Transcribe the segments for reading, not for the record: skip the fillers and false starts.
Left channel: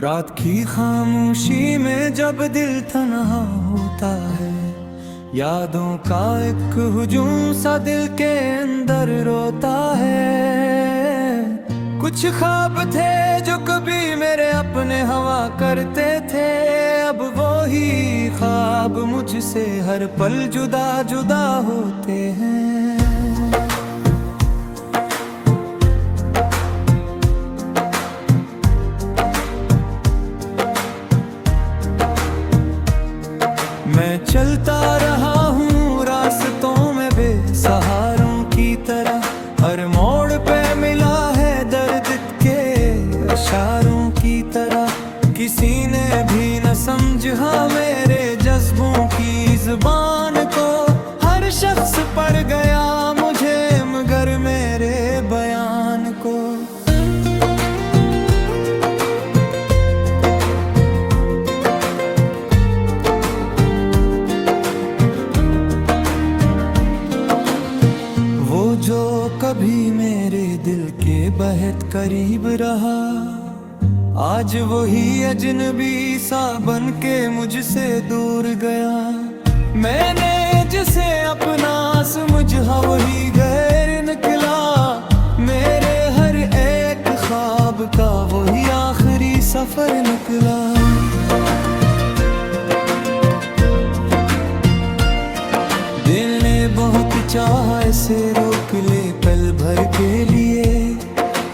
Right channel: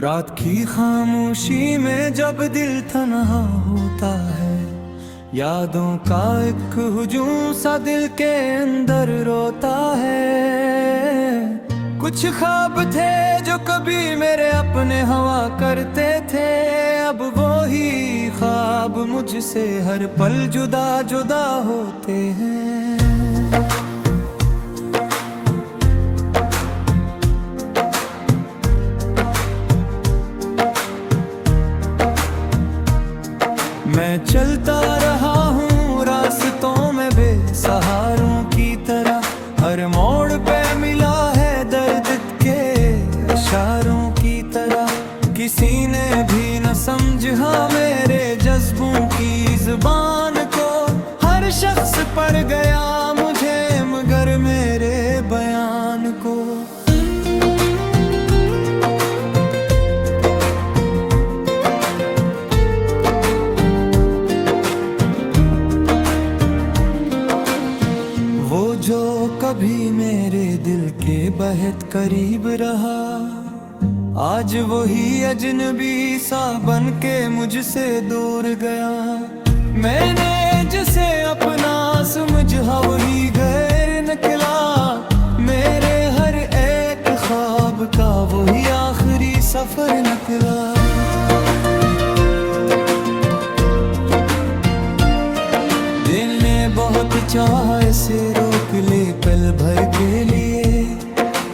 रात की खामोशी में जब दिल तन्हा होता है, यादों का एक हुजूम सा दिल के अंदर रोता है। कुछ ख्वाब थे जो कभी मेरे अपने हवा करते थे, अब वो ही ख्वाब मुझसे हर पल जुदा जुदा होते हैं। मैं चलता रहा हूँ रास्तों में बेसहारों की तरह, हर मोड़ पे मिला है दर्द के इशारों की तरह। किसी ने भी न समझा मेरे जज्बों की जुबान को, हर शख्स पढ़ गया मुझे मगर मेरे बयान को। वो जो कभी मेरे दिल के बेहद करीब रहा, आज वही अजनबी सा बन के मुझसे दूर गया। मैंने जिसे अपना समझा वही गैर निकला, मेरे हर एक ख्वाब का वही आखिरी सफर निकला। दिल ने बहुत चाहा इसे रोक ले पल भर के लिए,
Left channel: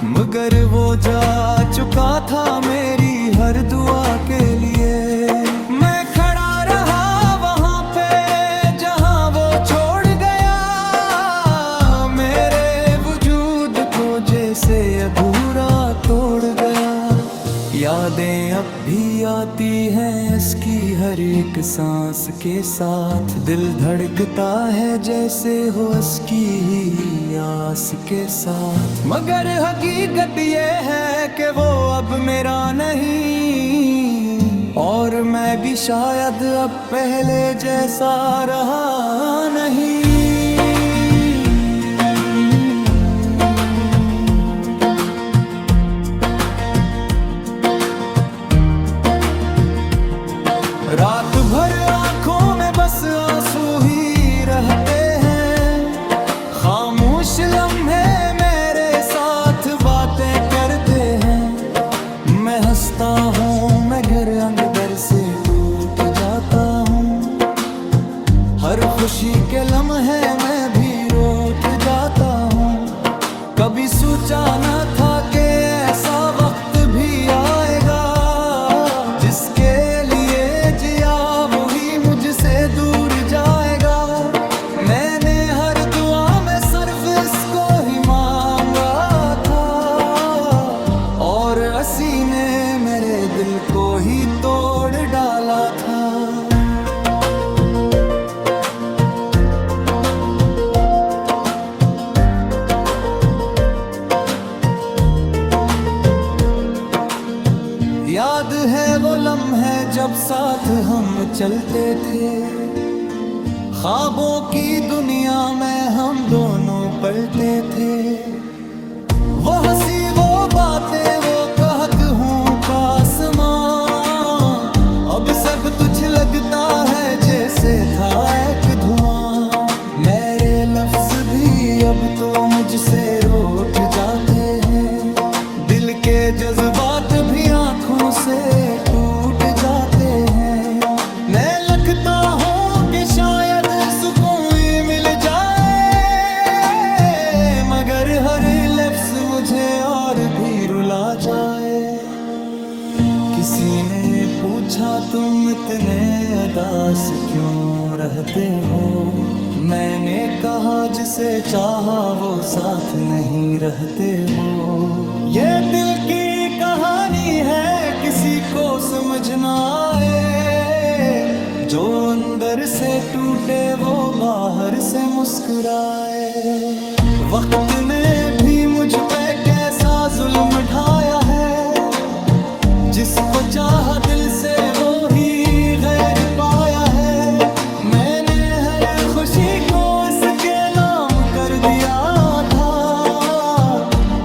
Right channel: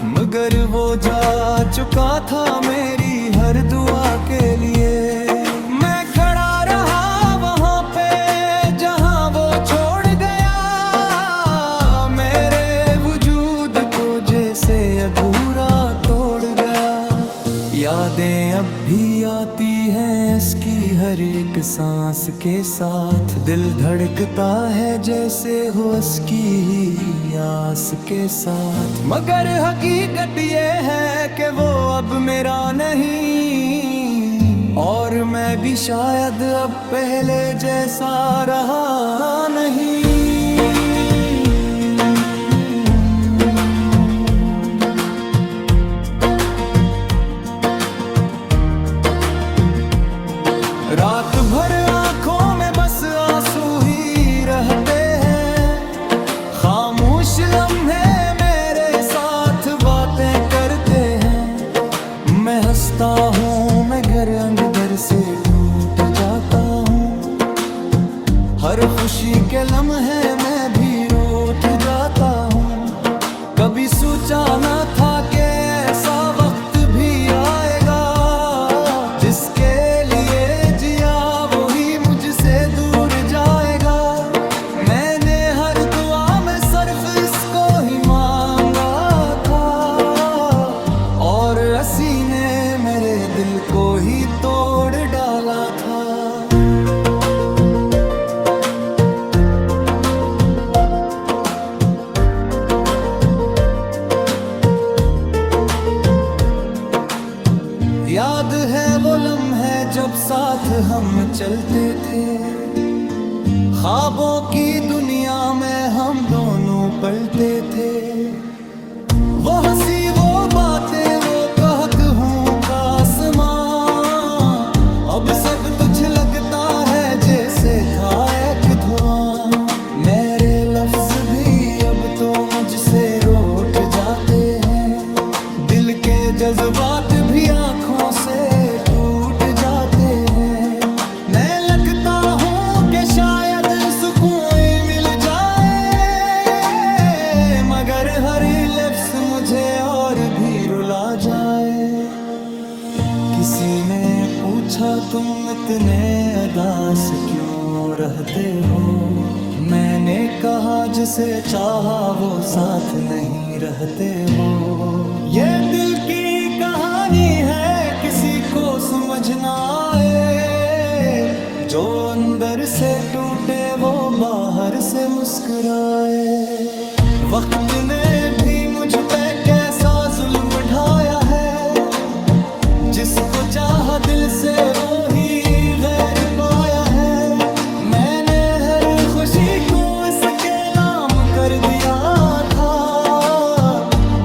मगर वो जा चुका था मेरी हर दुआ के लिए। मैं खड़ा रहा वहाँ पे जहाँ वो छोड़ गया, मेरे वजूद को जैसे अधूरा तोड़ गया। यादें अब भी आती हैं इसकी हर एक सांस के साथ, दिल धड़कता है जैसे हो इसकी ही आस के साथ। मगर हकीकत ये है कि वो अब मेरा नहीं, और मैं भी शायद अब पहले जैसा रहा नहीं। रात भर आंखों में बस आंसू ही रहते हैं, खामोश लम्हे मेरे साथ बातें करते हैं। मैं हंसता हूँ मगर अंदर से टूट जाता हूँ, हर खुशी के लम्हे मैं भी रोट जाता हूँ। कभी सोचा न था कि ऐसा वक्त भी आएगा, जिसके लिए जिया वही मुझसे दूर जाएगा। मैंने हर दुआ में सिर्फ इसको ही मांगा था, और हंसी ने मेरे दिल को ही तोड़ डाला था। याद है वो लम्हे जब साथ हम चलते थे, ख्वाबों की दुनिया में हम दोनों पलते थे। वो हंसी वो बातें वो कहत हूँ का आसमां, अब सब तुझ लगता है जैसे था एक धुआं। मेरे लफ्ज भी अब तो मुझसे रूठ जाते हैं, दिल के जज्बात भी आंखों से टूट जाते हैं। मैं लगता हूँ कि शायद सुकून मिल जाए, मगर हर लफ्ज मुझे और भी रुला जाए। किसी ने पूछा तुम इतने अदास क्यों रहते हो, मैंने कहा जिसे चाहा वो साथ नहीं रहते हो। ये दिल की कहानी है किसी को समझ ना आए, जो अंदर से टूटे वो बाहर से मुस्कुराए। वक्त ने भी मुझ पे कैसा जुल्म ढाया है, जिसको चाहा दिल से वो ही गैर पाया है। मैंने हर खुशी को इसके नाम कर दिया था,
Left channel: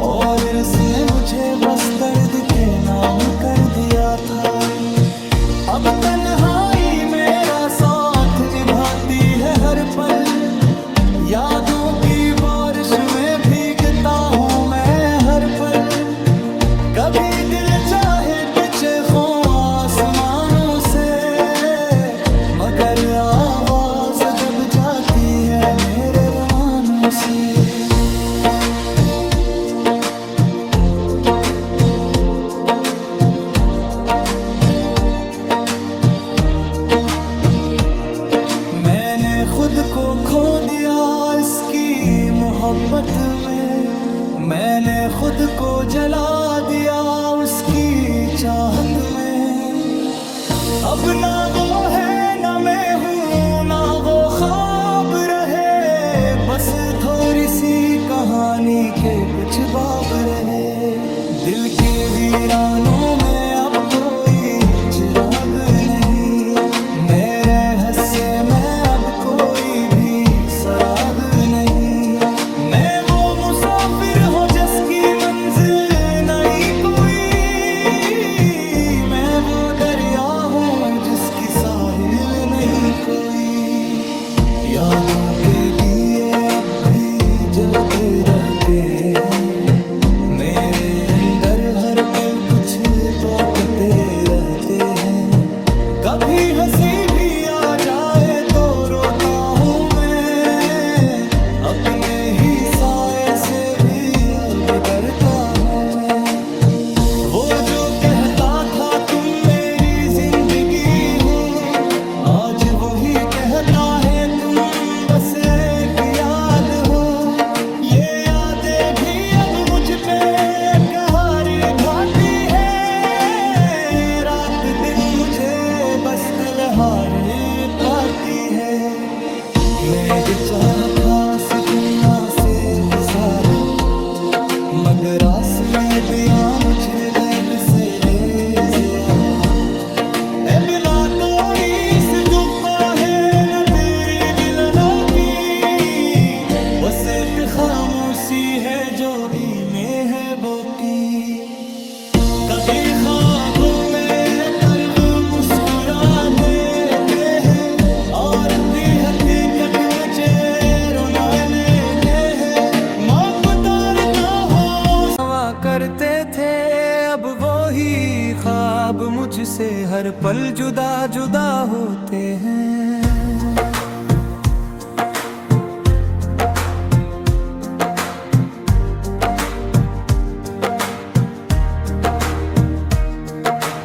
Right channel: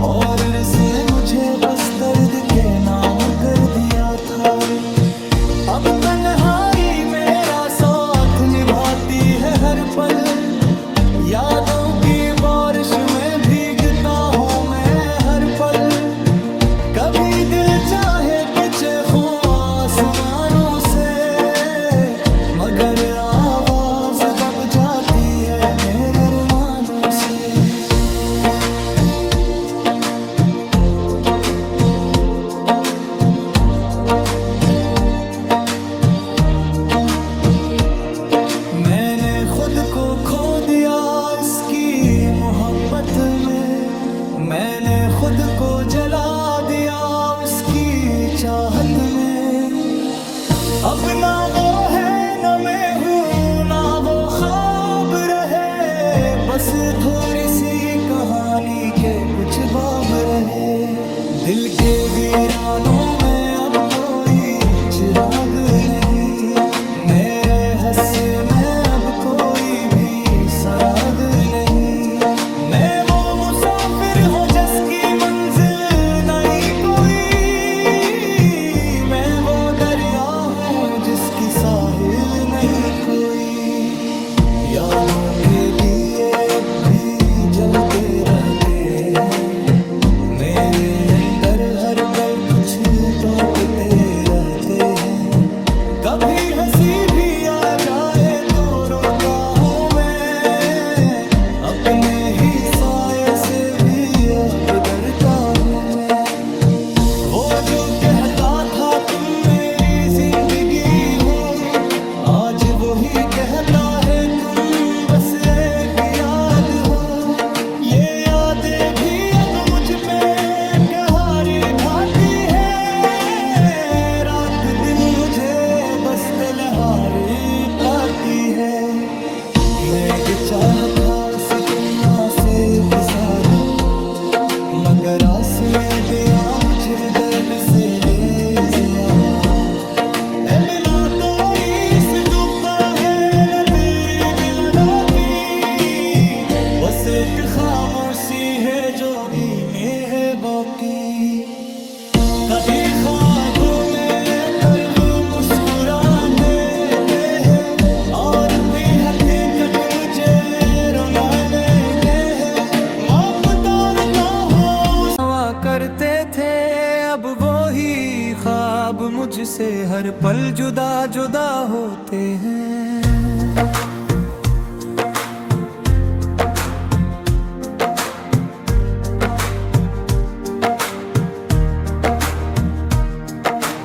और इसने मुझे बस दर्द के नाम कर दिया था। अब तन्हाई मेरा साथ निभाती है हर पल, यादों की बारिश में भीगता हूँ मैं हर पल। कभी दिल चाहे कि चेखूं आसमानों से, मगर आवाज दब जाती है मेरे अरमानों से। मैंने खुद को खो दिया इसकी मोहब्बत में, मैंने खुद को जला दिया उसकी चाहत में। अब ना वो है ना मैं हूँ ना वो ख्वाब रहे, बस थोड़ी सी कहानी के कुछ बाब रहे। दिल के वीरानों में अब कोई चिराग नहीं, मेरे हस्से में अब कोई भी सराग नहीं। मैं वो मुसाफिर हूँ जिसकी मंजिल नहीं कोई, मैं वो दरिया हूँ जिसकी साहिल नहीं कोई। यादों के दिए अब भी जलते रहते हैं, मेरे अंदर हर पल कुछ टोकते रहते हैं। कभी हंसी भी आ जाए तो रोता हूँ मैं, अपने ही साए से भी अब डरता हूँ मैं। वो जो कहता था तुम मेरी जिंदगी हो, आज वही कहता है तुम बस एक याद हो। ये यादें भी अब मुझ पे कहर ढाती है, रात दिन मुझे बस तलहारी पाती है। मैं भी चाहता उस तुमना से सारा, मगर आस में दिया मुझे दर्द से ले ज़्यादा। ए बिना तो इस दुपा है न तेरी दिलनों की, बस एक खामोशी है जो इन्हें है बाकी। कभी ख्वाबों में तरब मुस्कुरा देते हैं, और भी हकीकत मुझे रोने के है। माँ को तारता हो सवा करते थे, अब वो ही ख्वाब मुझसे हर पल जुदा जुदा होते हैं।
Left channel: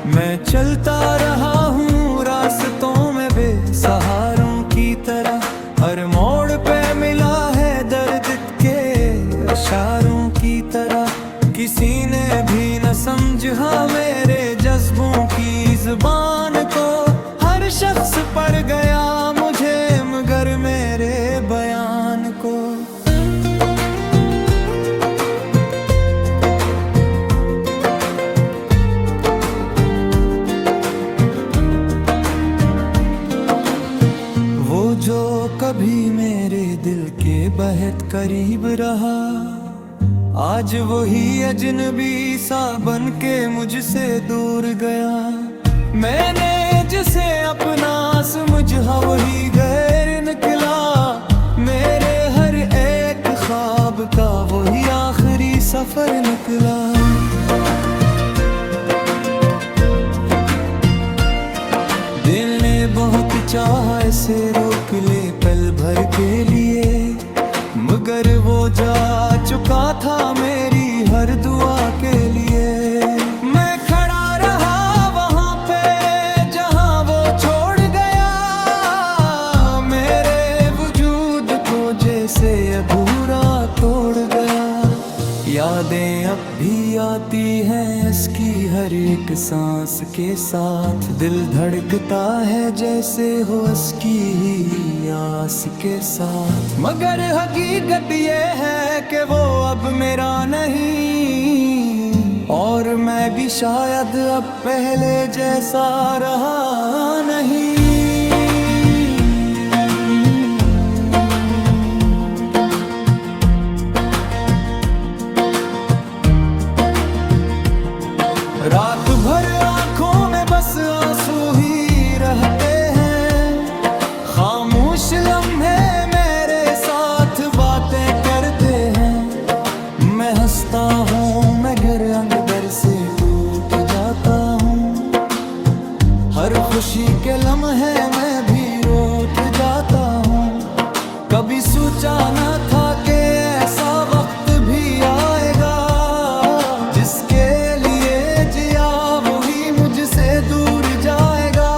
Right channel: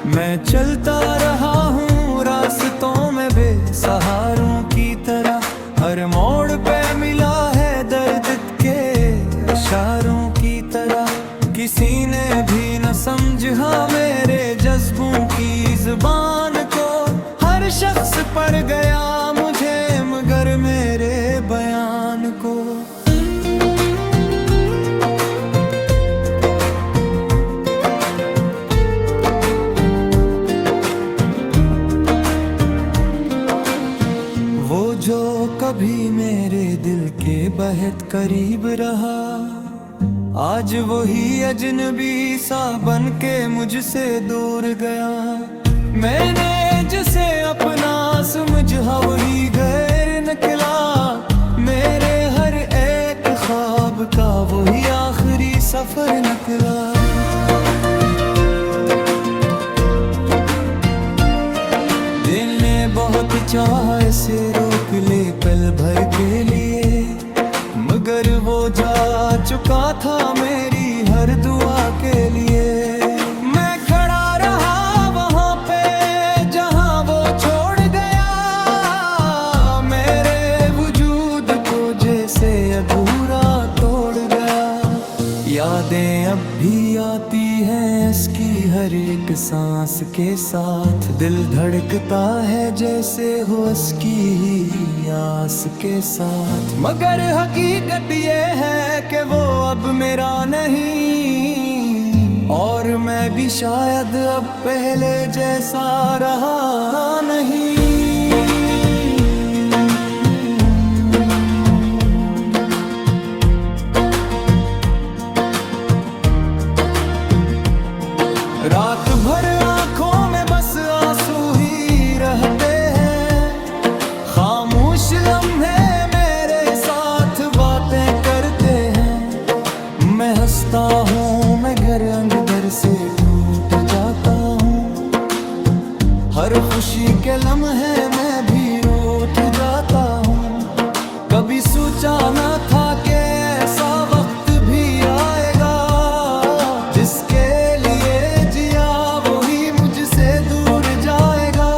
मैं चलता रहा हूँ रास्तों में बेसहारों की तरह, हर मोड़ पे मिला है दर्द के इशारों की तरह। किसी ने भी न समझा मेरे जज्बों की जुबान को, हर शख्स पढ़ गया मुझे मगर मेरे बयान को। वो जो कभी मेरे दिल के बेहद करीब रहा, आज वही अजनबी सा बन के मुझसे दूर गया। मैंने जिसे अपना समझा वही गैर निकला, मेरे हर एक ख्वाब का वही आखिरी सफर निकला। दिल ने बहुत चाहा इसे रोक ले पल भर के लिए, मगर वो जा चुका था मेरी हर दुआ के लिए। मैं खड़ा रहा वहाँ पे जहाँ वो छोड़ गया, मेरे वजूद को जैसे अधूरा तोड़ गया। यादें अब भी आती हैं इसकी हर एक सांस के साथ, दिल धड़कता है जैसे हो इसकी ही आस के साथ। मगर हकीकत ये है कि वो अब मेरा नहीं, और मैं भी शायद अब पहले जैसा रहा नहीं। मैं हंसता हूँ, मैं घर अंदर से टूट जाता हूँ। हर खुशी के लम्हे मैं भी रोत जाता हूँ। कभी सोचा न था कि ऐसा वक्त भी आएगा, जिसके लिए जिया वही मुझसे दूर जाएगा।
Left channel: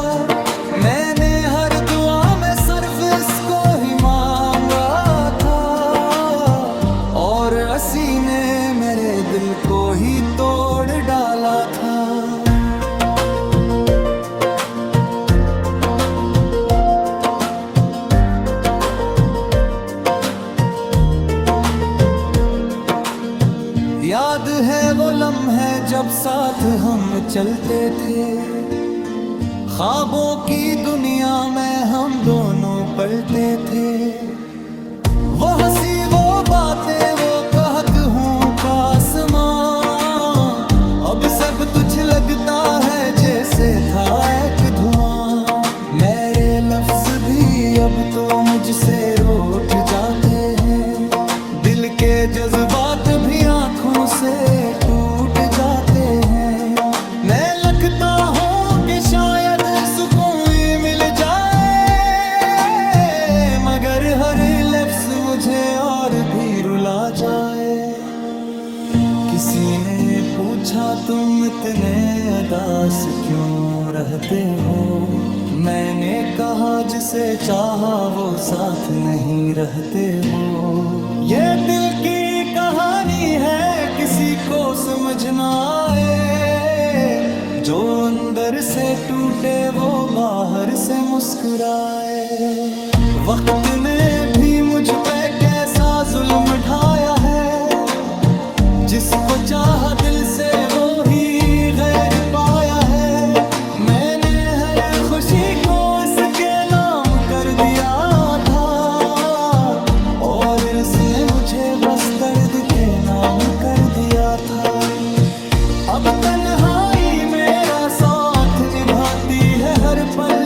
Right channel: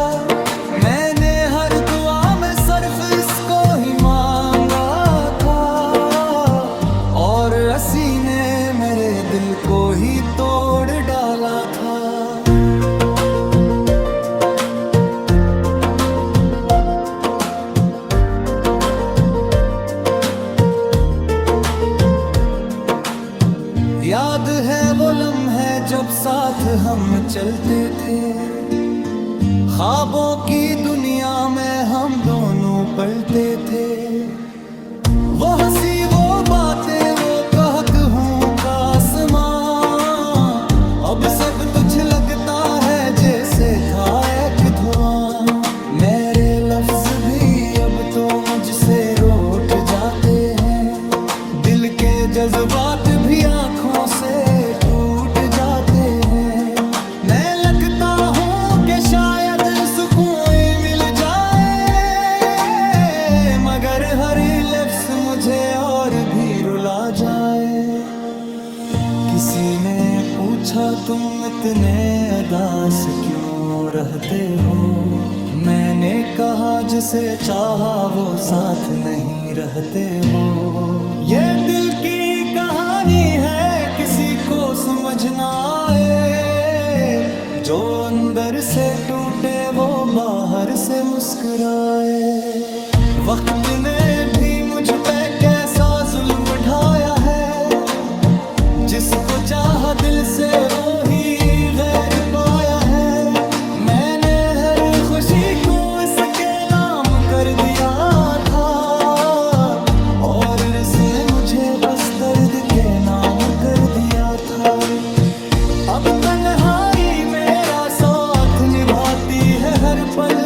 मैंने हर दुआ में सिर्फ इसको ही मांगा था, और हंसी ने मेरे दिल को ही तोड़ डाला था। याद है वो लम्हे जब साथ हम चलते थे, ख्वाबों की दुनिया में हम दोनों पलते थे। वो हंसी वो बातें वो कहक हूँ का आसमां, अब सब कुछ लगता है जैसे था एक धुआं। मेरे लफ्ज भी अब तो मुझसे रूठ जाते हैं, दिल के जज्बात भी आंखों से टूट जाते हैं। मैं लगता हूँ कि शायद सुकून मिल जाए, मगर हर लफ्ज मुझे और भी रुला जाए। किसी ने पूछा तुम इतने उदास क्यों रहते हो, मैंने कहा जिसे चाहा वो साथ नहीं रहते हो। ये दिल की कहानी है, किसी को समझ ना आए, जो अंदर से टूटे वो बाहर से मुस्कुराए। वक्त ने भी मुझ पे कैसा जुल्म ढाया है, जिसको चाहा दिल से वो ही गैर पाया है। मैंने हर खुशी को इसके नाम कर दिया था, और इसने मुझे बस दर्द के नाम कर दिया था। अब तन्हाई मेरा साथ निभाती है हर पल,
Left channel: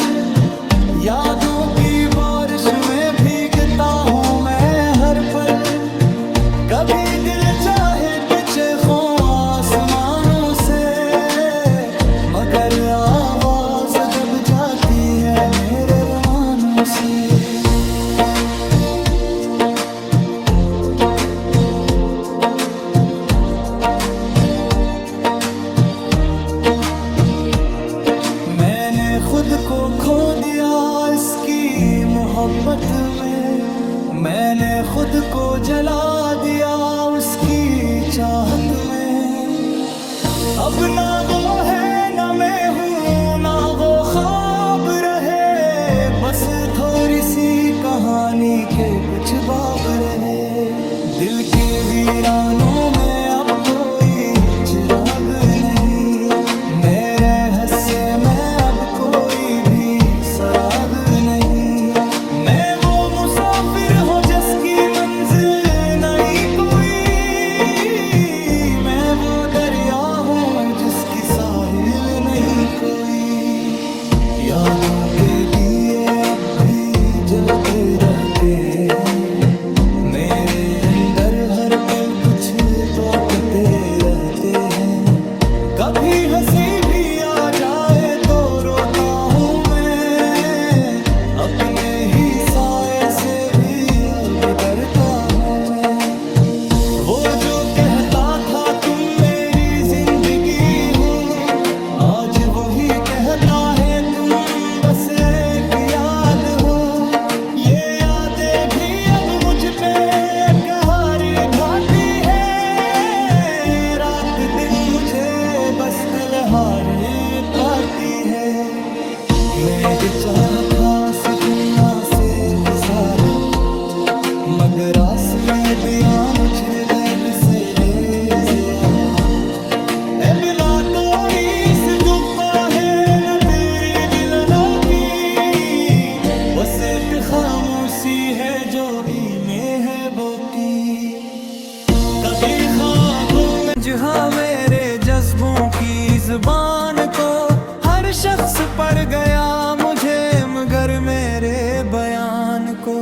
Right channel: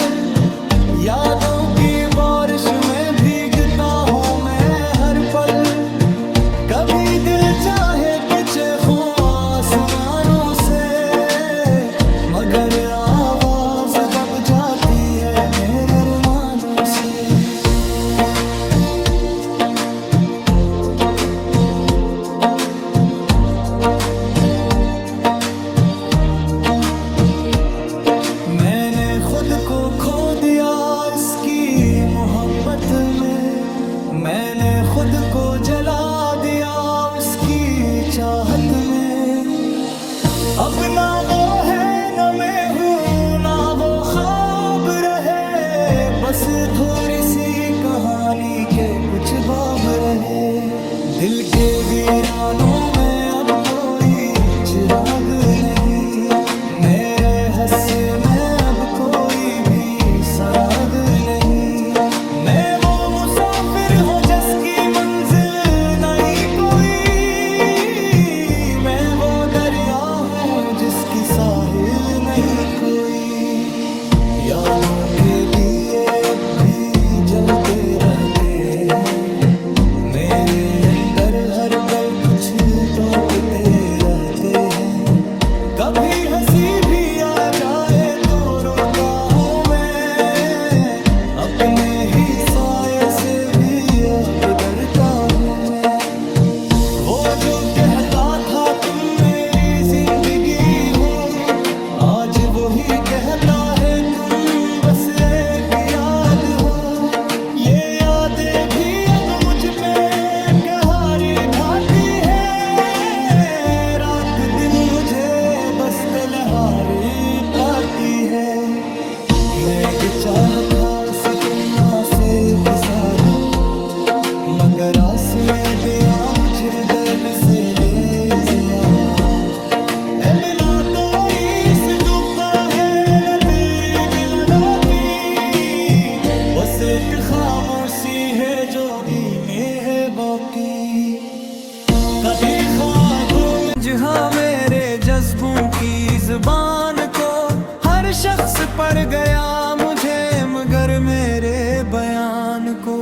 यादों की बारिश में भीगता हूँ मैं हर पल। कभी दिल चाहे तो चेखूं आसमानों से, मगर आवाज दब जाती है मेरे अरमानों से। मैंने खुद को खो दिया इसकी मोहब्बत में, मैंने खुद को जला दिया उसकी चाहत में। अब ना वो है ना मैं हूँ, ना वो ख्वाब रहे, बस थोड़ी सी कहानी के कुछ बाब रहे। दिल के वीरानों में अब कोई चिराग नहीं, मेरे हस्से में अब कोई भी सराग नहीं। मैं वो मुसाफिर हूँ जिसकी मंजिल नहीं कोई, मैं वो दरिया हूँ जिसकी साहिल नहीं कोई। यादों के दिए अब भी जलते रहते हैं, मेरे अंदर हर पल कुछ टोकते रहते हैं। कभी हंसी भी आ जाए तो रोता हूँ मैं, अपने ही साए से भी अब डरता हूँ मैं। वो जो कहता था तुम मेरी जिंदगी हो, आज वही कहता है तुम बस एक याद हो। ये यादें भी अब मुझ पे कहरी ढाती है, रात दिन मुझे बस तिलहारी पाती है। मैं भी चाहता उस तुमना से सारा, मगर आस में दिया मुझे हृदय से ले ज़्यादा। ए बिना तो इस डूबा है न तेरी दिलना की, बस एक खामोशी है जो इन्हें है बाकी। कभी ख्वाबों में जहाँ मेरे जज्बों की जुबान को हर शख्स पढ़ गया मुझे, मगर मेरे बयान को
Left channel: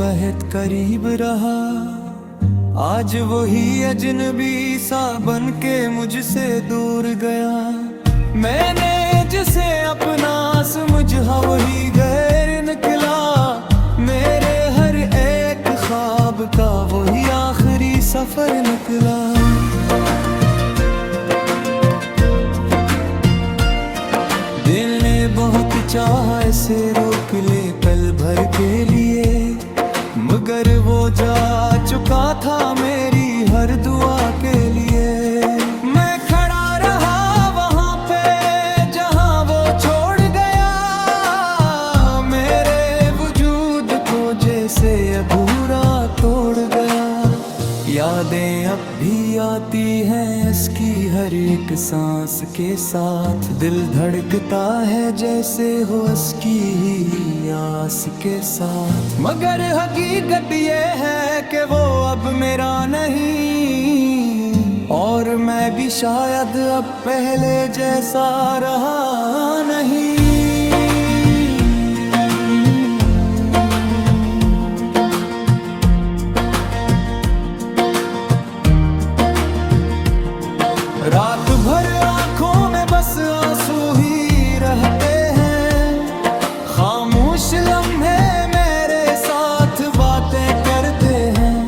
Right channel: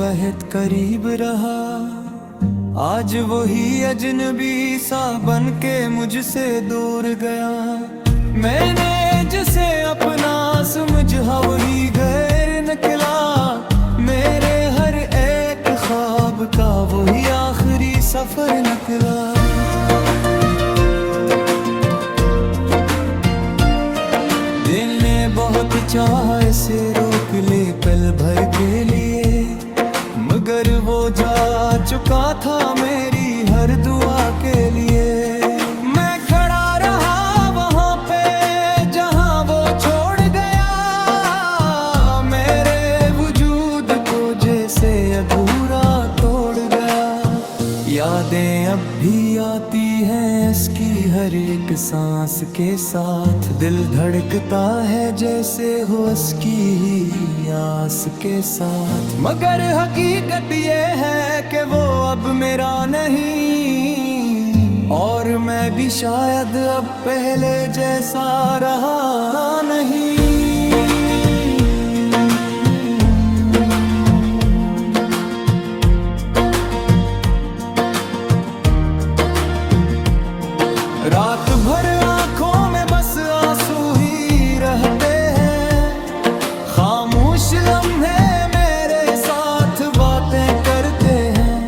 बहुत करीब रहा, आज वही अजनबी सा बन के मुझसे दूर गया। मैंने जिसे अपना समझा वही गैर निकला, मेरे हर एक ख्वाब का वही आखिरी सफर निकला। दिल ने बहुत चाहा इसे रोक ले पल भर के लिए, मगर वो जा चुका था मेरी हर दुआ के लिए। मैं खड़ा रहा वहाँ पे जहाँ वो छोड़ गया, मेरे वजूद को जैसे अधूरा तोड़ गया। यादें अब भी आती हैं इसकी हर एक सांस के साथ, दिल धड़कता है जैसे हो इसकी ही आस के साथ। मगर हकीकत ये है कि वो अब मेरा नहीं, और मैं भी शायद अब पहले जैसा रहा नहीं। रात भर आंखों में बस आंसू ही रहते हैं, खामोश लम्हे मेरे साथ बातें करते हैं।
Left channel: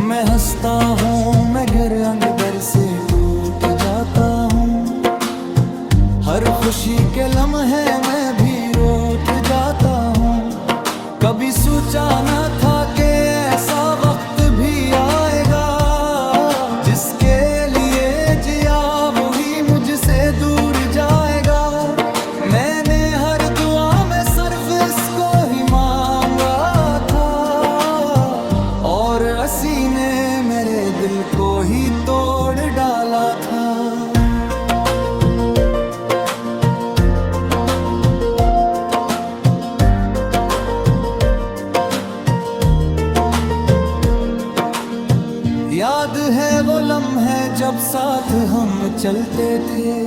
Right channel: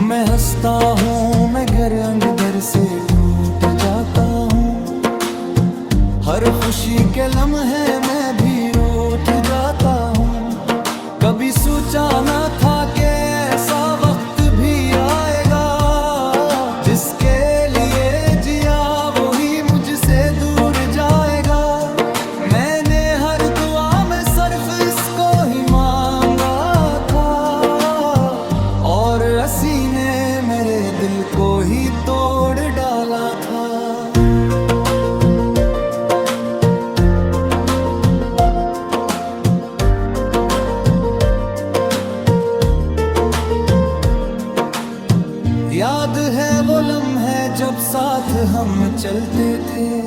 मैं हंसता हूँ मगर अंदर से टूट जाता हूँ, हर खुशी के लम्हे मैं भी रोत जाता हूँ। कभी सोचा न था कि ऐसा वक्त भी आएगा, जिसके लिए जिया वही मुझसे दूर जाएगा। मैंने हर दुआ में सिर्फ इसको ही मांगा था, और हंसी ने मेरे दिल को ही तोड़ डाला था। याद है वो लम्हे जब साथ हम चलते थे,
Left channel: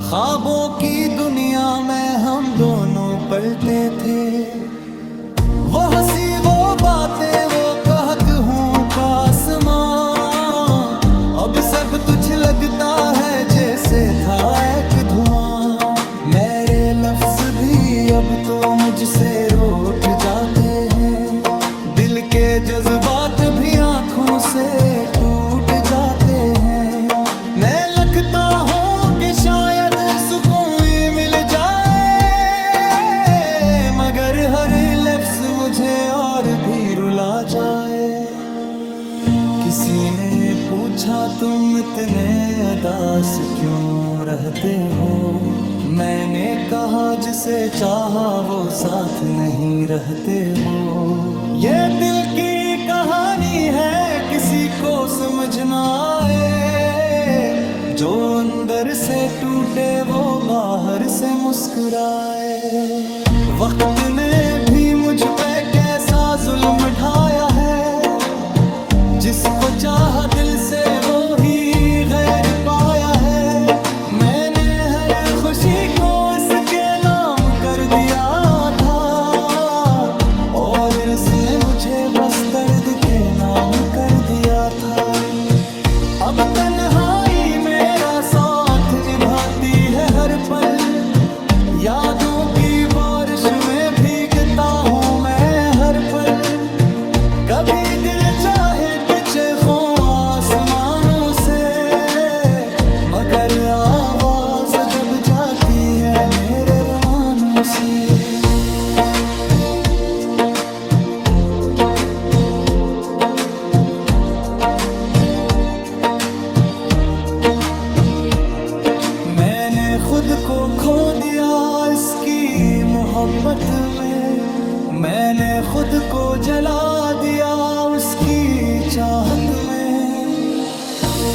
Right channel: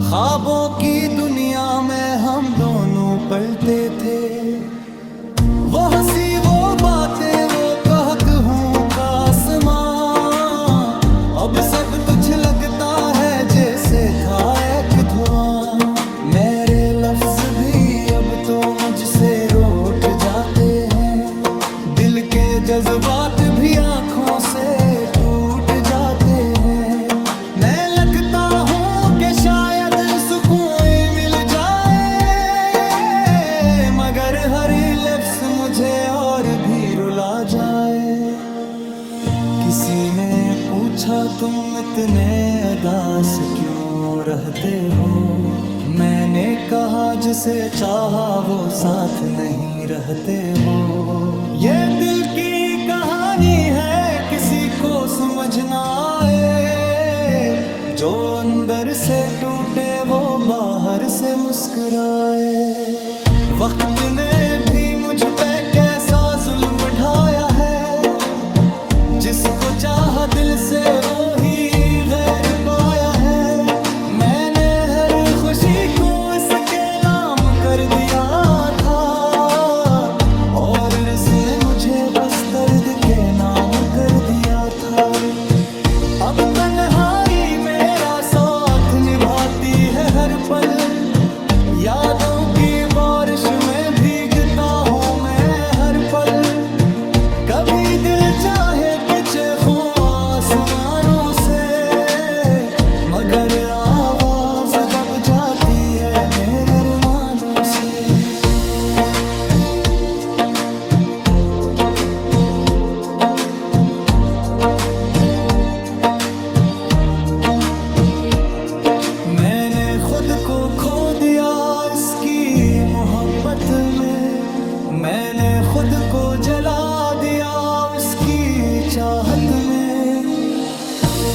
ख्वाबों की दुनिया में हम दोनों पलते थे। वो हंसी वो बातें वो कहत हूँ का आसमां, अब सब तुझ लगता है जैसे था एक धुआं। मेरे लफ्ज भी अब तो मुझसे रूठ जाते हैं, दिल के जज्बात भी आंखों से टूट जाते हैं। मैं लगता हूँ कि शायद सुकून मिल जाए, मगर हर लफ्ज मुझे और भी रुला जाए। किसी ने पूछा तुम इतने उदास क्यों रहते हो, मैंने कहा जिसे चाहा वो साथ नहीं रहते हो। ये दिल की कहानी है किसी को समझ ना आए, जो अंदर से टूटे वो बाहर से मुस्कुराए। वक्त ने भी मुझ पे कैसा जुल्म ढाया है, जिसको चाहा दिल से वो ही गैर पाया है। मैंने हर खुशी को इसके नाम कर दिया था, और इसने मुझे बस दर्द के नाम कर दिया था। अब तन्हाई मेरा साथ निभाती है हर पल, यादों की बारिश में भीगता हूँ मैं हर पल। कभी दिल चाहे कि चीखूं आसमानों से, मगर आवाज दब जाती है मेरे अरमानों से। मैंने खुद को खो दिया इसकी मोहब्बत में, मैंने खुद को जला दिया उसकी चाहत में।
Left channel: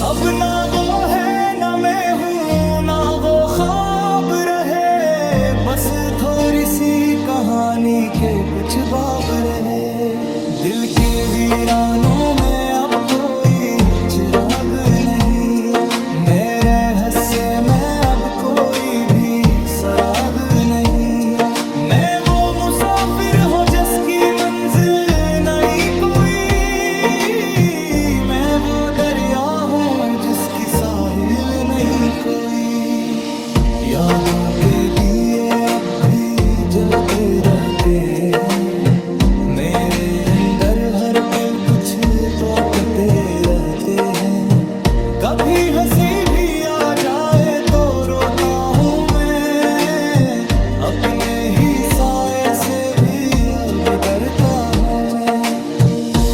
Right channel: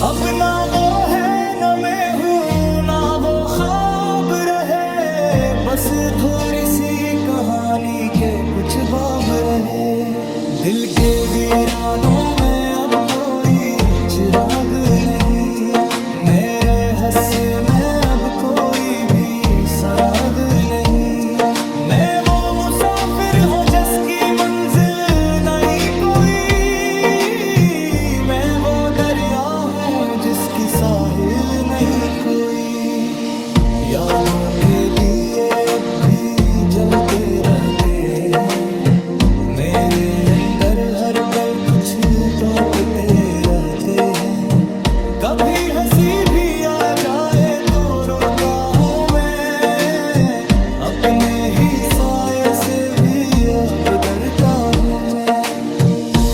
अब ना वो है ना मैं हूँ ना वो ख्वाब रहे, बस थोड़ी सी कहानी के कुछ बाब रहे। दिल के वीरानों में अब कोई चिराग नहीं, मेरे हस्से में अब कोई भी सराग नहीं। मैं वो मुसाफिर हूँ उसकी मंजिल नहीं कोई, मैं वो दरिया हूँ जिसकी साहिल नहीं कोई। यादों के दिए अब भी जलते रहते हैं, मेरे अंदर हर पल कुछ तोड़ते रहते हैं। कभी हंसी भी आ जाए तो रोता हूँ मैं, अपने ही साए से भी अब डरता हूँ मैं।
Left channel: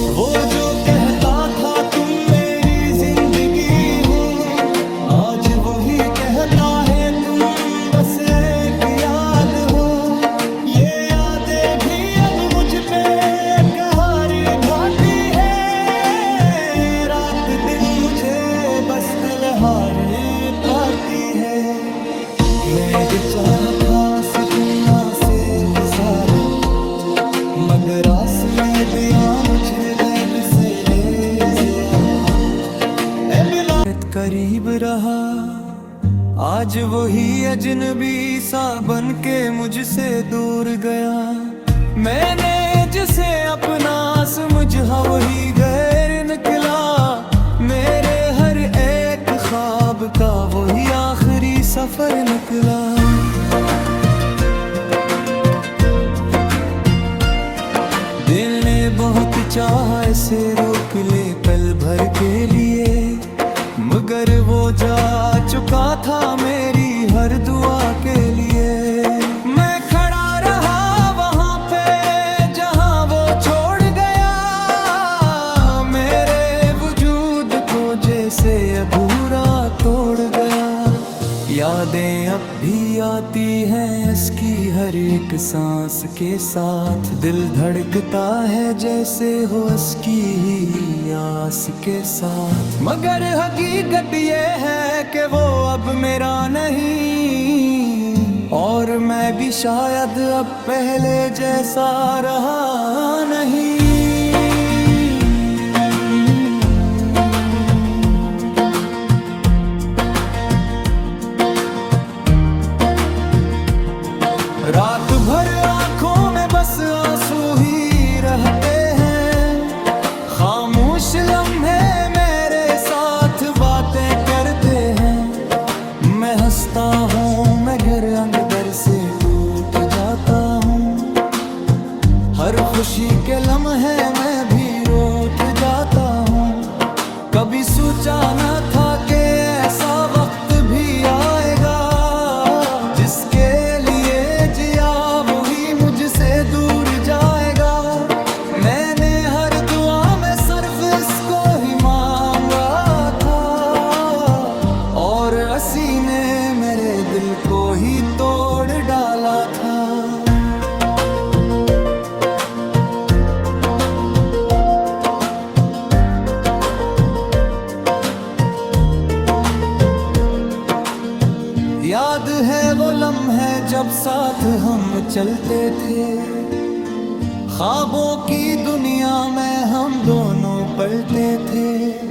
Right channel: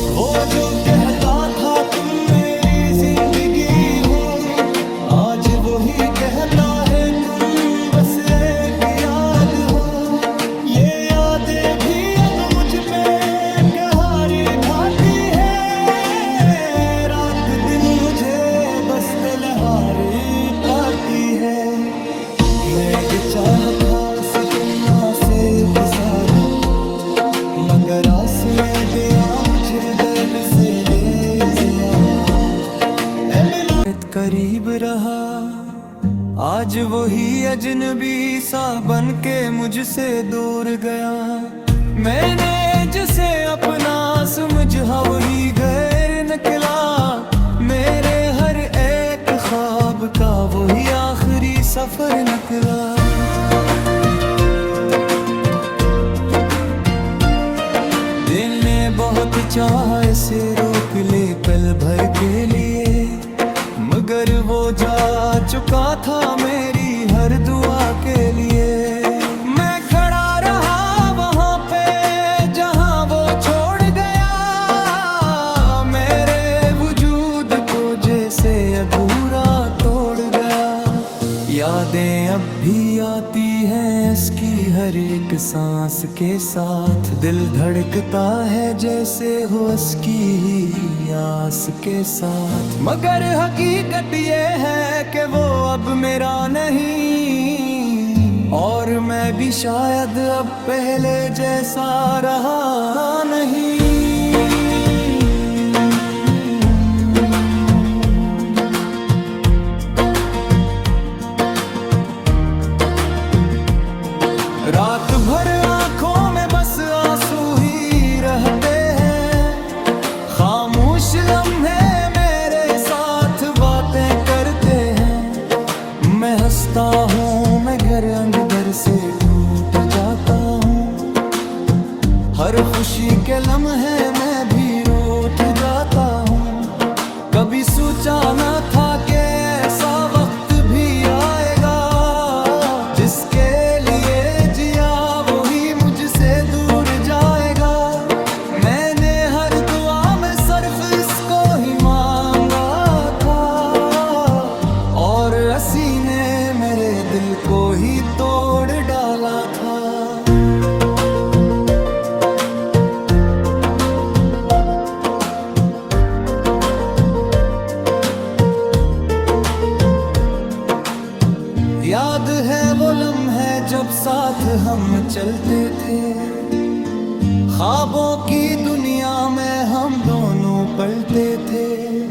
वो जो कहता था तुम मेरी जिंदगी हो, आज वही कहता है तुम बस एक याद हो। ये यादें भी अब मुझ पे कहर ढाती है, रात दिन मुझे बस तलहारी पाती है। मैं भी चाहता उस दुनिया से गुजारा, मगर आस में दिया मुझे दर्द से ले ज़्यादा। करीब रहा आज वही अजनबी सा बन के मुझसे दूर गया। मैंने जिसे अपना समझा वही गैर निकला, मेरे हर एक ख्वाब का वही आखिरी सफर निकला। दिल ने बहुत चाहा इसे रोक ले पल भर के लिए, मगर वो जा चुका था मेरी हर दुआ के लिए। मैं खड़ा रहा वहाँ पे जहाँ वो छोड़ गया, मेरे वजूद को जैसे अधूरा तोड़ गया। यादें अब भी आती हैं इसकी हर एक सांस के साथ, दिल धड़कता है जैसे हो इसकी ही आस के साथ। मगर हकीकत ये है कि वो अब मेरा नहीं, और मैं भी शायद अब पहले जैसा रहा नहीं। रात भर आंखों में बस आंसू ही रहते हैं, खामोश लम्हे मेरे साथ बातें करते हैं। मैं हंसता हूँ मैं घर अंदर से टूट जाता हूँ, हर खुशी के लम्हे मैं भी रोट जाता हूँ। कभी सोचा न था कि ऐसा वक्त भी आएगा, जिसके लिए जिया वही मुझसे दूर जाएगा। मैंने हर दुआ में सिर्फ इसको ही मांगा था, और हंसी ने मेरे दिल को ही तोड़ डाला था। याद है वो लम्हे जब साथ हम चलते थे, ख्वाबों की दुनिया में हम दोनों पलते थे।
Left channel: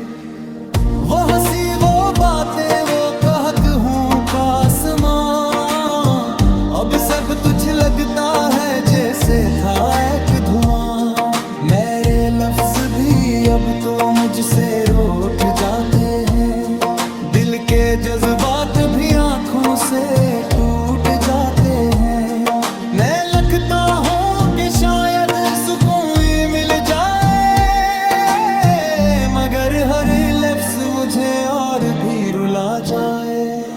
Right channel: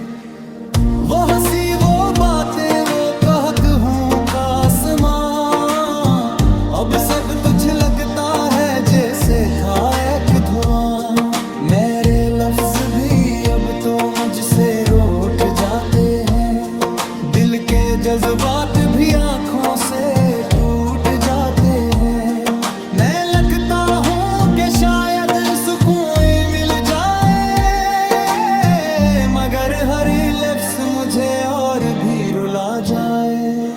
वो हंसी वो बातें वो कहक हूँ का आसमां, अब सब तुझ लगता है जैसे था एक धुआं। मेरे लफ्ज भी अब तो मुझसे रूठ जाते हैं, दिल के जज्बात भी आंखों से टूट जाते हैं। मैं लगता हूँ कि शायद सुकून मिल जाए, मगर हर लफ्ज मुझे और भी रुला जाए।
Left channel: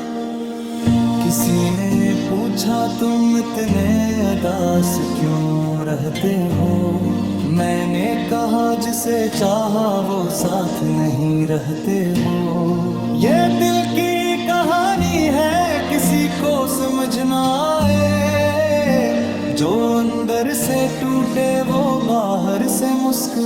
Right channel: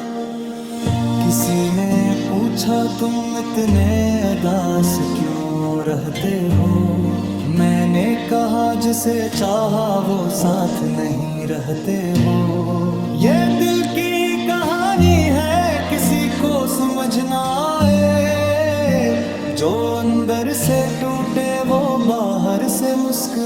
किसी ने पूछा तुम इतने उदास क्यों रहते हो, मैंने कहा जिसे चाहा वो साथ नहीं रहते हो। ये दिल की कहानी है किसी को समझ ना आए, जो अंदर से टूटे वो बाहर से मुस्कुराए।